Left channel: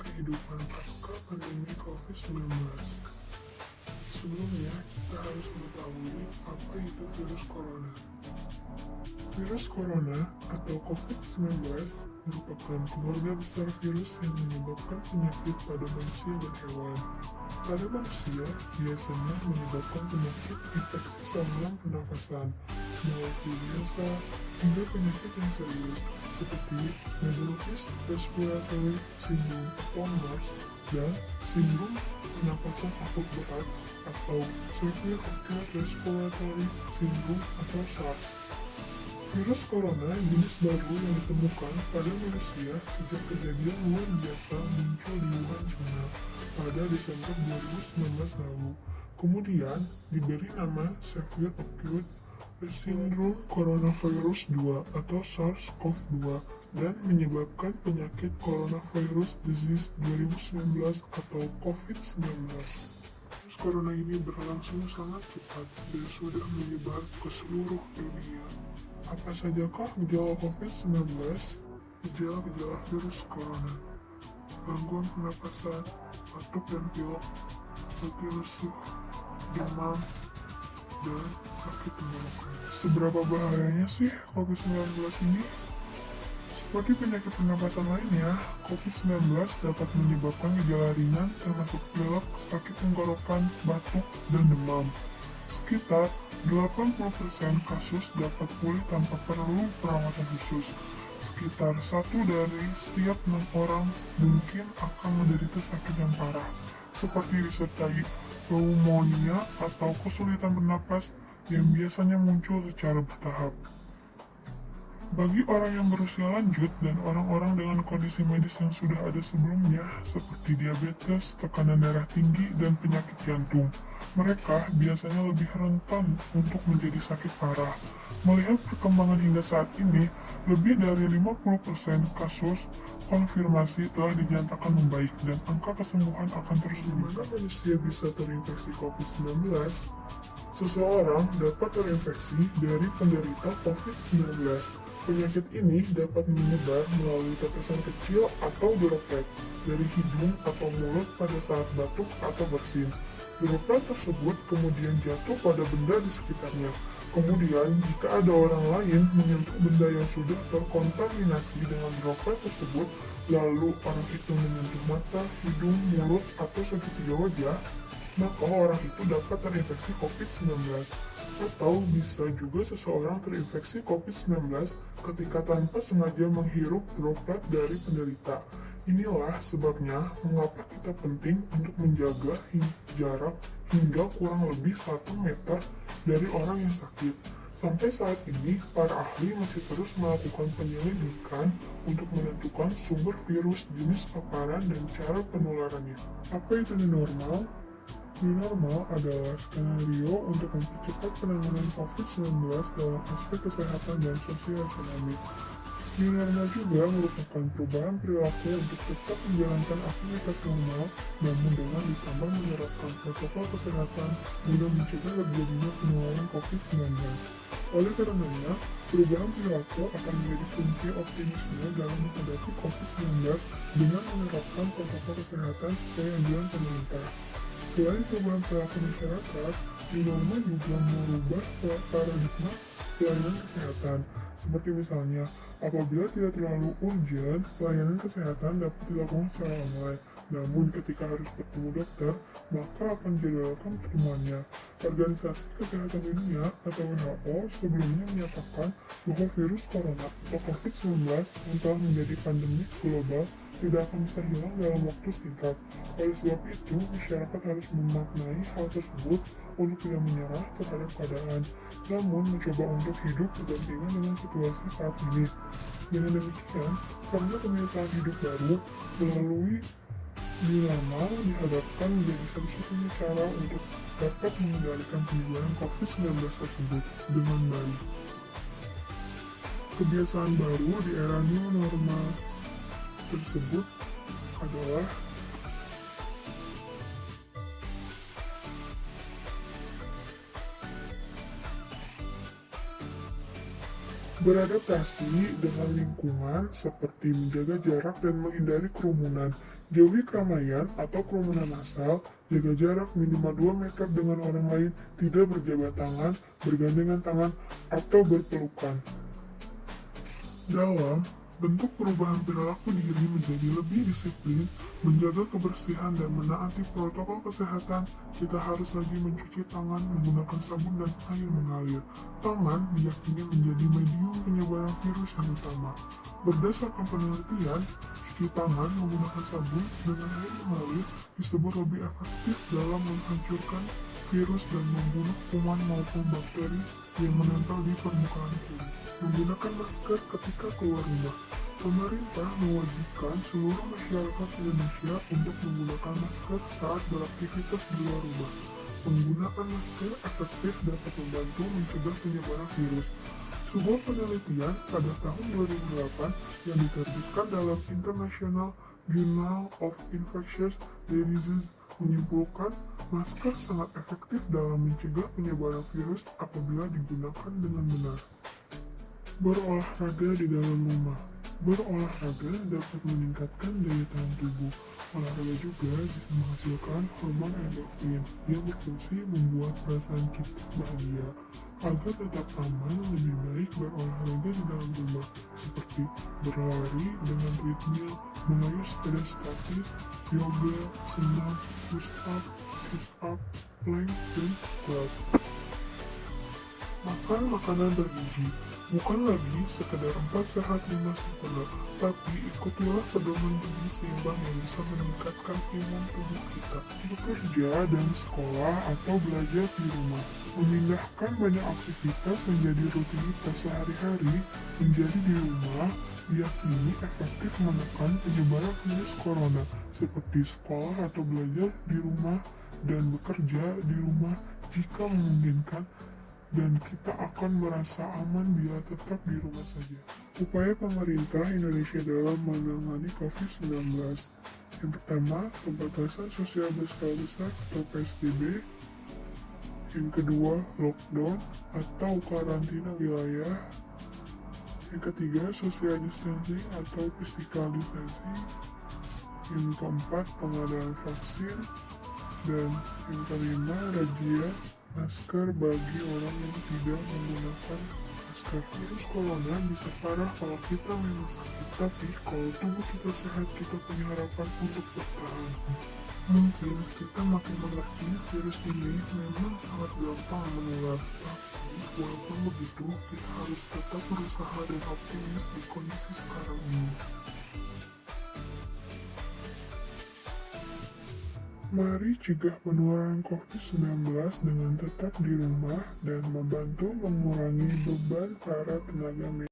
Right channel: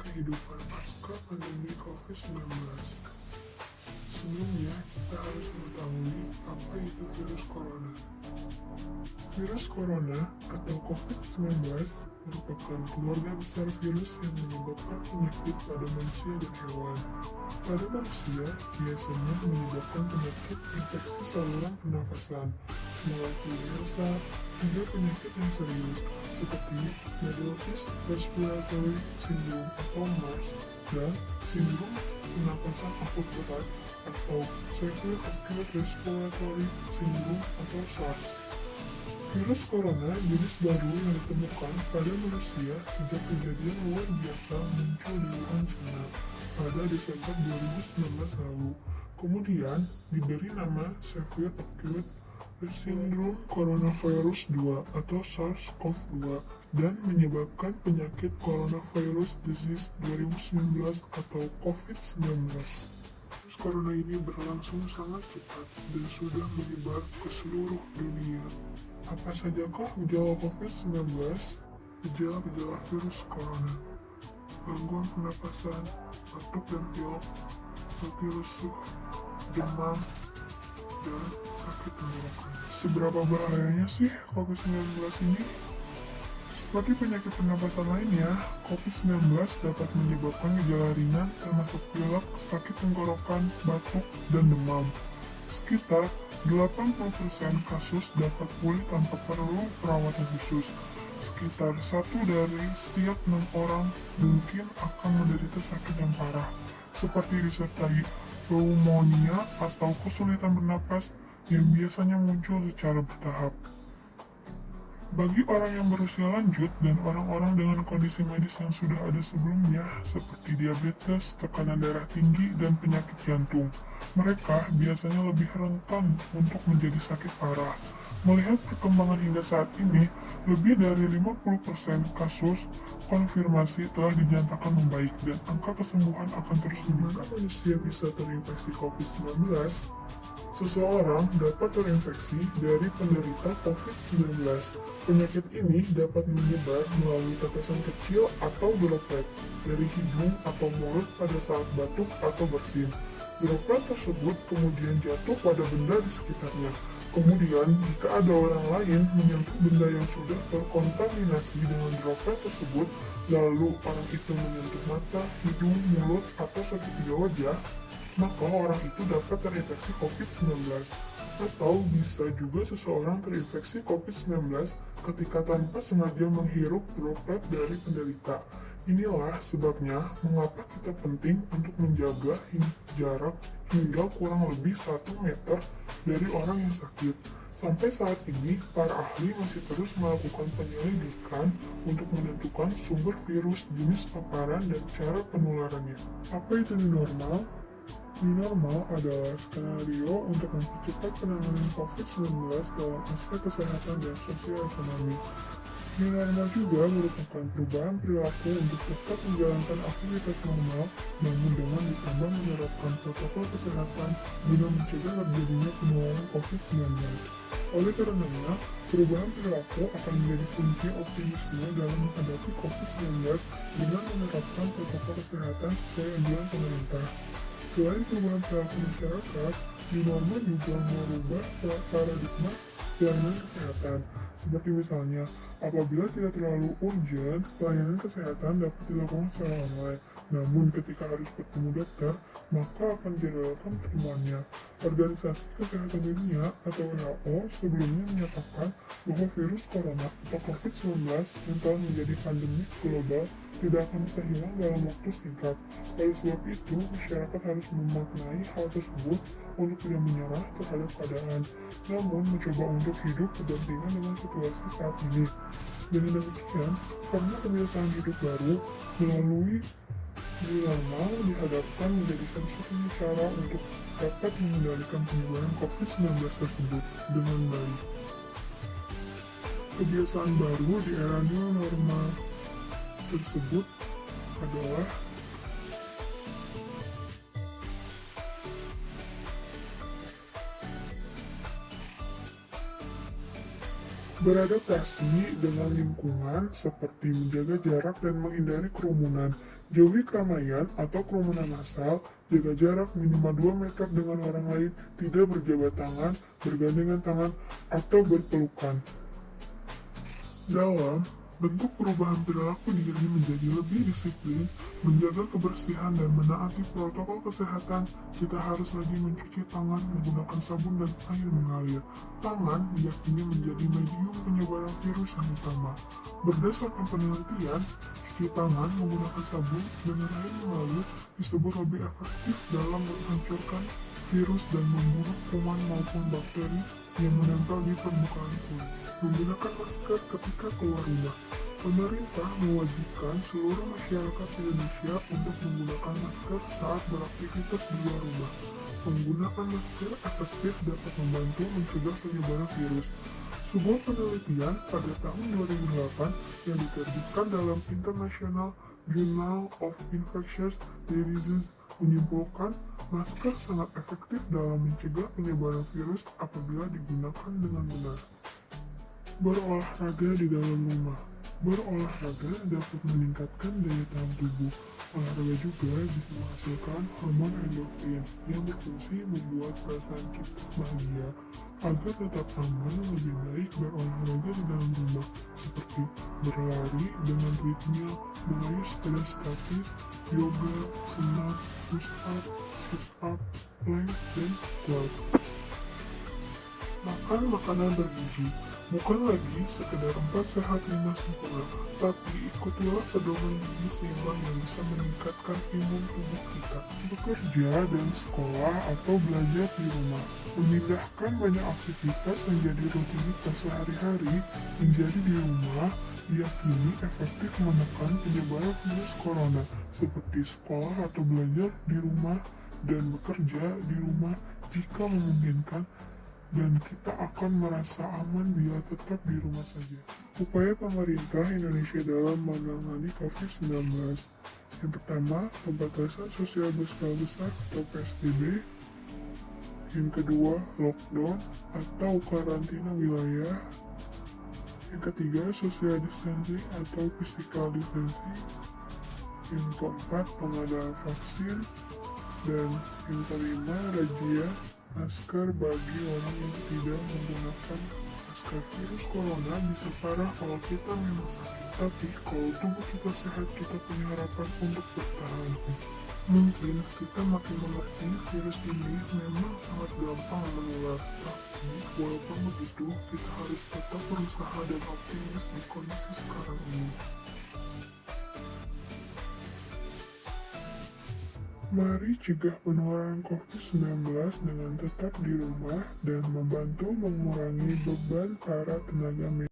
kehidupan pasca pandemi COVID-19. Sebelumnya, kita harus mengetahui apa itu virus corona. Virus corona atau COVID-19 merupakan keluarga besar virus yang menyebabkan penyakit pada manusia dan hewan. Pada manusia, biasanya menyebabkan penyakit infeksi saluran pernafasan, mulai influenza hingga penyakit yang serius, seperti Middle East Respiratory Syndrome atau MERS dan sindrom pernafasan akut berat atau Severe Acute Respiratory Syndrome atau SARS. Virus corona jenis baru yang ditemukan pada manusia sejak kejadian yang biasa muncul di Wuhan, China pada Desember 2019 lalu. Kemudian diberi nama Severe Acute Syndrome Coronavirus 2 atau SARS-CoV-2 dan menyebabkan penyakit Coronavirus Disease 2019 atau COVID-19. Virus corona ini berlangsung sangat cepat dan sudah menyebar ke seluruh dunia. Apa sajakah gejala COVID-19? Gejala-gejala virus corona: gangguan pernapasan, batuk dan pilek, lebih lesu, demam, dan sakit tenggorokan. Seberapa bahayanya sih COVID-19 ini? Seperti penyakit pernapasan lainnya, COVID-19 dapat menyebabkan gejala ringan termasuk pilek, sakit tenggorokan, batuk, dan demam. Sekitar 80% kasus dapat pulih tanpa perlu perawatan khusus. Sekitar 1 dari setiap 6 orang mungkin akan menderita sakit yang parah, seperti disertai pneumonia atau kesulitan bernapas yang biasanya muncul secara bertahap. Bagi orang yang berusia lanjut dan orang-orang dengan kondisi medis yang sudah ada sebelumnya, seperti diabetes, tekanan darah tinggi, dan penyakit jantung, mereka biasanya lebih rentan untuk menjadi sakit parah. Melihat perkembangan hingga saat ini, lebih dari 50% kasus konfirmasi telah dinyatakan membaik dan angka kesembuhan akan terus meningkat. Bagaimana manusia bisa terinfeksi COVID-19? Seseorang dapat terinfeksi dari penderita COVID-19. Penyakit ini dapat menyebar melalui tetesan kecil atau droplet dari hidung atau mulut pada saat batuk atau bersin. Droplet tersebut kemudian jatuh pada benda di sekitarnya. Kemudian, jika ada orang lain menyentuh benda yang sudah terkontaminasi dengan droplet tersebut, lalu orang itu menyentuh mata, hidung, mulut, atau segitiga wajah, maka orang itu dapat terinfeksi COVID-19. Atau bisa juga seseorang terinfeksi COVID-19 ketika tanpa sengaja menghirup droplet dari penderita. Inilah sebabnya mengapa kita penting untuk menjaga jarak hingga kurang lebih 1 meter dari orang yang sakit. Sampai saat ini, para ahli masih terus melakukan penyelidikan untuk menentukan sumber virus, jenis paparan, dan cara penularannya. Apa itu new normal? New normal adalah skenario untuk mempercepat penanganan COVID-19 dalam aspek kesehatan dan sosial ekonomi. New normal juga merupakan perubahan perilaku untuk tetap menjalankan aktivitas normal, namun dengan ditambah menerapkan protokol kesehatan guna mencegah terjadinya penularan COVID-19. Oleh karenanya, perubahan perilaku akan menjadi kunci optimisme dalam menghadapi COVID-19 dengan menerapkan protokol kesehatan sesuai anjuran pemerintah. Selain perubahan perilaku masyarakat, new normal juga merubah paradigma pelayanan kesehatan. Seperti misalnya, apabila tidak terlalu urgent, pelayanan kesehatan dapat dilakukan secara online. Namun ketika harus bertemu dokter, maka akan dijadwalkan pertemuannya. Organisasi Kesehatan Dunia atau WHO sebelumnya menyatakan bahwa virus corona atau COVID-19 yang telah menjadi pandemi global tidak akan bisa hilang dalam waktu singkat. Oleh sebab itu, masyarakat harus memaknai hal tersebut untuk tidak menyerah terhadap keadaan, namun mencoba untuk hidup berdampingan dengan situasi saat ini. Dengan demikian, karena kebiasaan hidup baru melalui new normal dihadapkan menjadi satu-satunya cara untuk dapat mengendalikan penyebaran COVID-19 tersebut dengan baik. Kebiasaan baru di era new normal tersebut adalah beradaptasi dengan lingkungan seperti menjaga jarak dan menghindari kerumunan. Jauhi keramaian atau kerumunan massal, jaga jarak minimal 2 meter dengan orang lain, tidak berjabat tangan, bergandengan tangan, atau berpelukan. Dalam bentuk perubahan perilaku diri menjadi lebih disiplin, menjaga kebersihan dan menaati protokol kesehatan, kita harus lagi mencuci tangan menggunakan sabun dan air mengalir. Tangan diyakini menjadi medium penyebaran virus yang utama. Berdasarkan penelitian, cuci tangan menggunakan sabun dengan air mengalir disebut lebih efektif dalam menghancurkan virus dan membunuh kuman maupun bakteri yang menempel di permukaan kulit. Menggunakan masker ketika keluar rumah. Pemerintah mewajibkan seluruh masyarakat Indonesia untuk menggunakan masker saat beraktivitas di luar rumah. Penggunaan masker efektif dapat membantu mencegah penyebaran virus. Sebuah penelitian pada tahun 2008 yang diterbitkan dalam International Journal of Infectious Diseases menyimpulkan masker sangat efektif dalam mencegah penyebaran virus apabila digunakan dengan benar. Berolahraga di dalam rumah. Berolahraga dapat meningkatkan daya tahan tubuh. Olahraga juga bisa menghasilkan hormon endorfin yang berfungsi membuat perasaan kita bahagia. Agar tetap aman, lebih baik berolahraga di dalam rumah, seperti berlari dengan treadmill, mengayuh sepeda statis, yoga, senam, push-up, sit-up, plank, dan squat. Makan makanan bergizi. Bukan lagi sekedar 4 sehat 5 sempurna, tapi ikutilah pedoman gizi seimbang yang bisa meningkatkan imun tubuh kita. Bekerja dan sekolah atau belajar di rumah. Memindahkan banyak aktivitas yang jadi rutinitas sehari-hari menjadi di rumah diyakini efektif menekan penyebaran virus corona, seperti sekolah atau belajar di rumah dan bekerja di rumah jika memungkinkan, dan kita akan merasa aman bila tetap di rumah saja. Upaya pemerintah Indonesia dalam menangani COVID-19. Yang pertama, pembatasan sosial berskala besar atau PSBB. Yang kedua, lockdown atau karantina wilayah. Yang ketiga, social distancing atau physical distancing. Yang keempat, pengadaan vaksin. Dan yang kelima, razia masker bagi orang yang tidak menggunakan masker. Virus corona bisa parah kalau kita memang sakit, tapi kalau tubuh kita sehat, kita punya harapan untuk bertahan. Mungkin kita makin mengerti virus ini memang sangat gampang menular, tapi walaupun begitu, kita harus tetap berusaha dan optimis di kondisi sekarang ini. Mari cegah penularan COVID-19 dengan tetap di rumah dan membantu mengurangi beban para tenaga medis.